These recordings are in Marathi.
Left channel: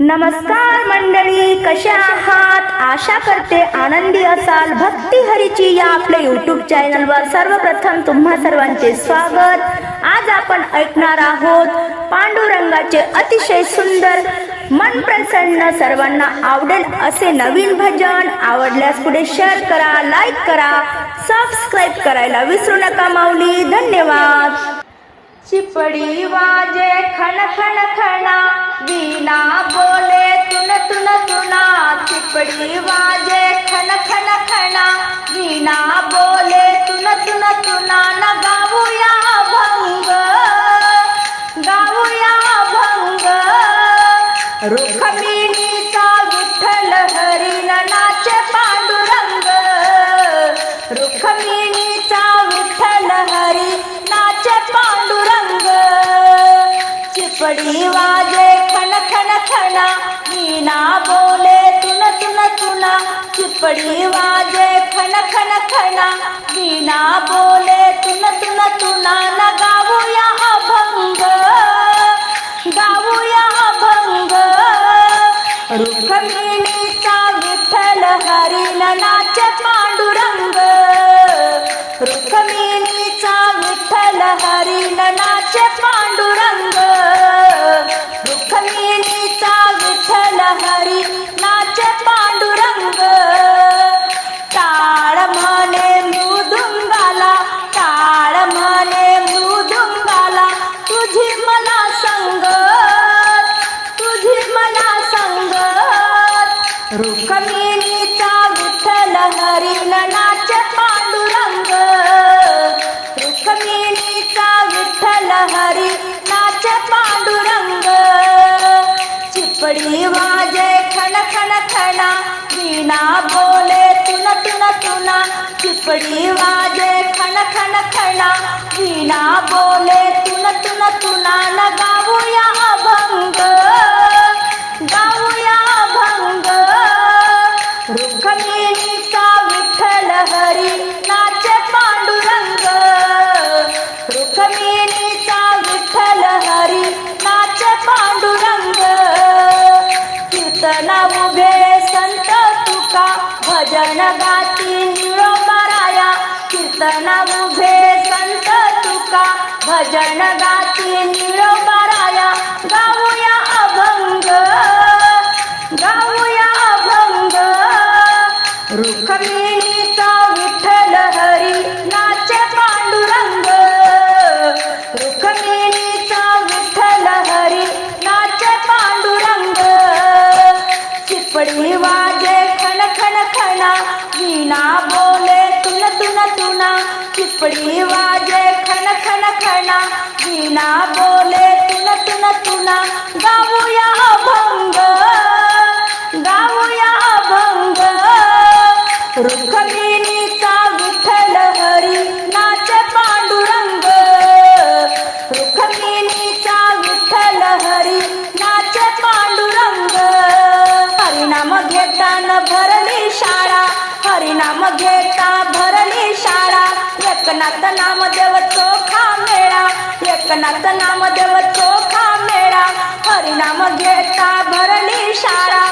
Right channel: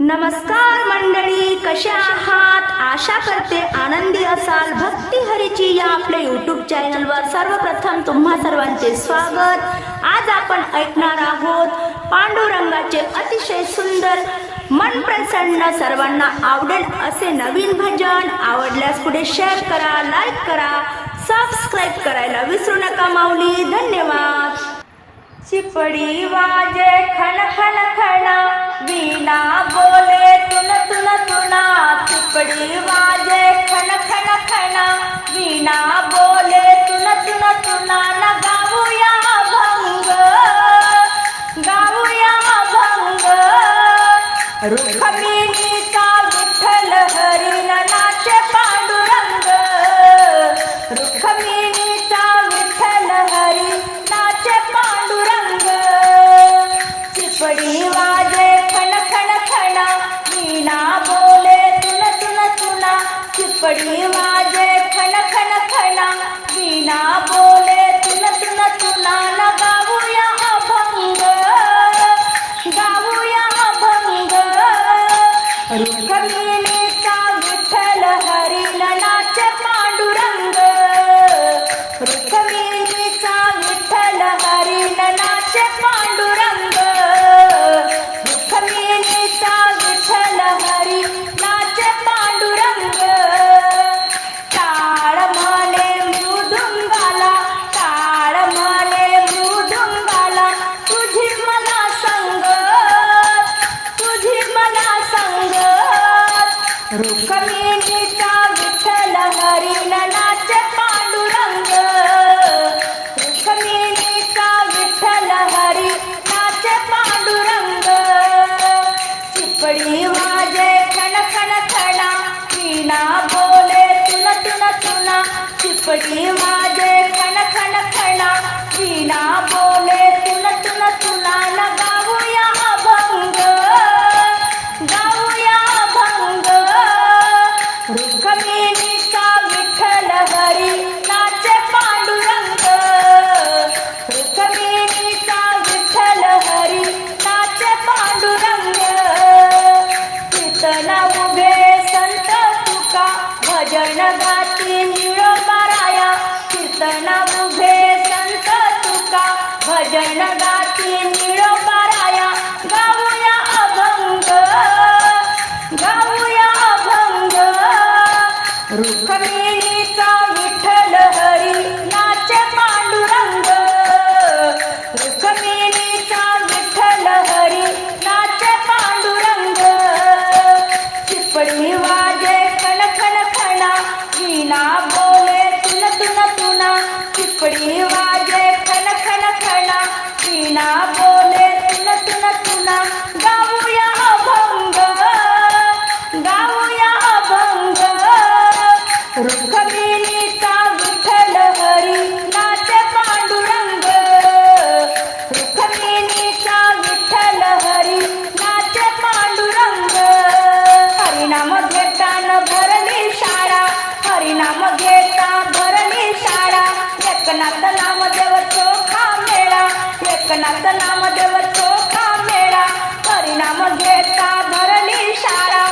नमस्कार मंडळी, कशा आहात? आशा करते आनंदी असाल. भक्ती हरीची या आपल्या यूट्यूब चॅनलवर सर्वप्रथम तुम्हा सर्वांचे स्वागत. आज आपण ऐकणार आहोत पांडुरंगाचे अतिशय सुंदर, मन प्रसन्न, सर्वांना आवडेल असे नवीन भजन. आवडल्यास पुढे शेअर करा, लाईक करा, सबस्क्राईब करायला विसरू नका माऊली. धन्यवाद. चिपड़ी वाजे खन खन खना, वीणा बोले तुन तुन तुना. चिपड़ी वाजे खन खन खना, वीणा बोले तुन तुन तुना. न गाऊया भंग, गाऊया भंग. रुक्मिणीचा विठ्ठल हरी नाचे पांडुरंग. रुक्मिणीचा विठ्ठल हरी नाचे पांडुरंग. चिपड़ी वाजे खन खन खना, वीणा बोले तुन तुन तुना. चिपड़ी वाजे खन खन खना, वीणा बोले तुन तुन तुना. न गाऊया अभंग, गाऊया अभंग. रुक्मिणीचा विठ्ठल हरी नाचे पांडुरंग. रुक्मिणीचा विठ्ठल हरी नाचे पांडुरंग. रुक्मिणीचा विठ्ठल हरी नाचे पांडुरंग. टाळ म्हणे मृदुंगाला, टाळ म्हणे मृदुंगाला. तुझी मला संगत, तुझी मला संगत. रुक्मिणीचा विठ्ठल हरी नाचे पांडुरंग. रुक्मिणीचा विठ्ठल हरी नाचे पांडुरंग. चिपड़ी वाजे खन खन खना, वीणा बोले तुन तुन तुना. चिपड़ी वाजे खन खन खना, वीणा बोले तुन तुन तुना. न गाऊया अभंग, गाऊया अभंग. रुक्मिणीचा विठ्ठल हरी नाचे पांडुरंग. रुक्मिणीचा विठ्ठल हरी नाचे पांडुरंग. कीर्तन उभे संत तुका, भजन गाती निळोबाराया. कीर्तन उभे संत तुका, भजन गाती निळोबाराया. गाऊया अभंग, गाऊया अभंग. रुक्मिणीचा विठ्ठल हरी नाचे पांडुरंग. रुक्मिणीचा विठ्ठल हरी नाचे पांडुरंग. चिपड़ी वाजे खन खन खना, वीणा बोले तुन तुन तुना. चिपड़ी वाजे खन खन खना, वीणा बोले तुन तुन तुना. गाऊया अभंग, गाऊया अभंग. रुक्मिणीचा विठ्ठल हरी नाचे पांडुरंग. रुक्मिणीचा विठ्ठल हरी नाचे पांडुरंग. हरिनाम घेताना भरली शाळा, हरिनाम घेता भरली शाळा. एकनाथ नामदेव चोखा मेळा, एकनाथ नामदेव चोखा मेळा. हरिनाम घेता भरली शाळा,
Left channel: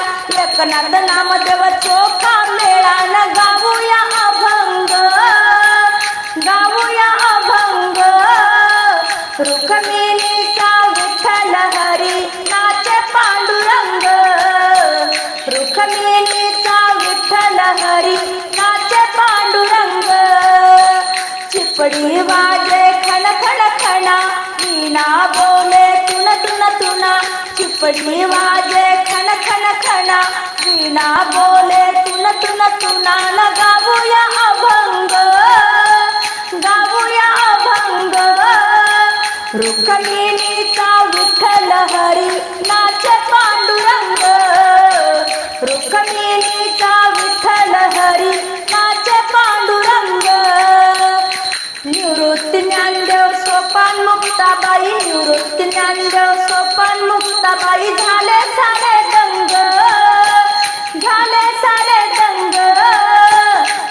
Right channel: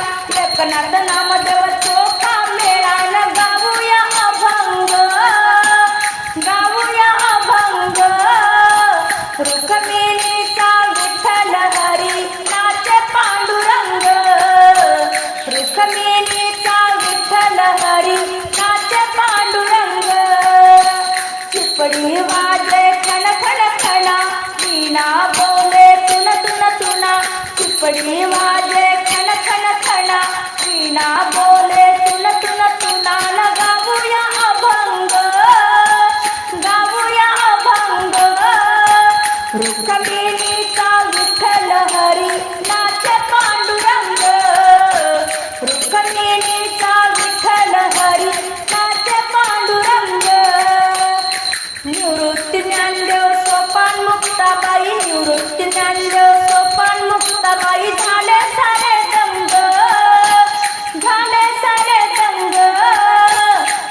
एकनाथ नामदेव चोखा मेळा. न गाऊया अभंग, गाऊया अभंग. रुक्मिणीचा विठ्ठल हरी नाचे पांडुरंग. रुक्मिणीचा विठ्ठल हरी नाचे पांडुरंग. चिपड़ी वाजे खन खन खना, वीणा बोले तुन तुन तुना. चिपड़ी वाजे खन खन खना, वीणा बोले तुन तुन तुना. न गाऊया अभंग, गाऊया अभंग. रुक्मिणीचा विठ्ठल हरी नाचे पांडुरंग. रुक्मिणीचा विठ्ठल हरी नाचे पांडुरंग. निवृत्ती ज्ञानदेव सोपान मुक्ताबाई, निवृत्ती ज्ञानदेव सोपान मुक्ताबाई. झाले सारे दंग, झाले सारे दंग.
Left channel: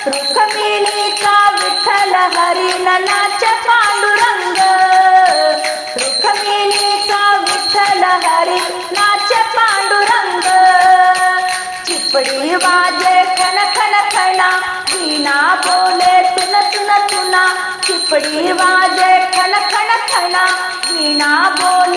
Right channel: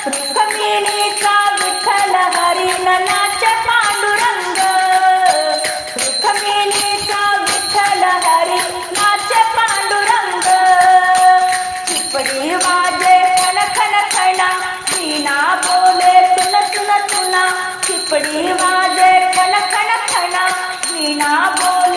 रुक्मिणीचा विठ्ठल हरी नाचे पांडुरंग. रुक्मिणीचा विठ्ठल हरी नाचे पांडुरंग. चिपड़ी वाजे खन खन खना, वीणा बोले तुन तुन तुना, चिपड़ी वाजे खन खन खना, वीणा बोले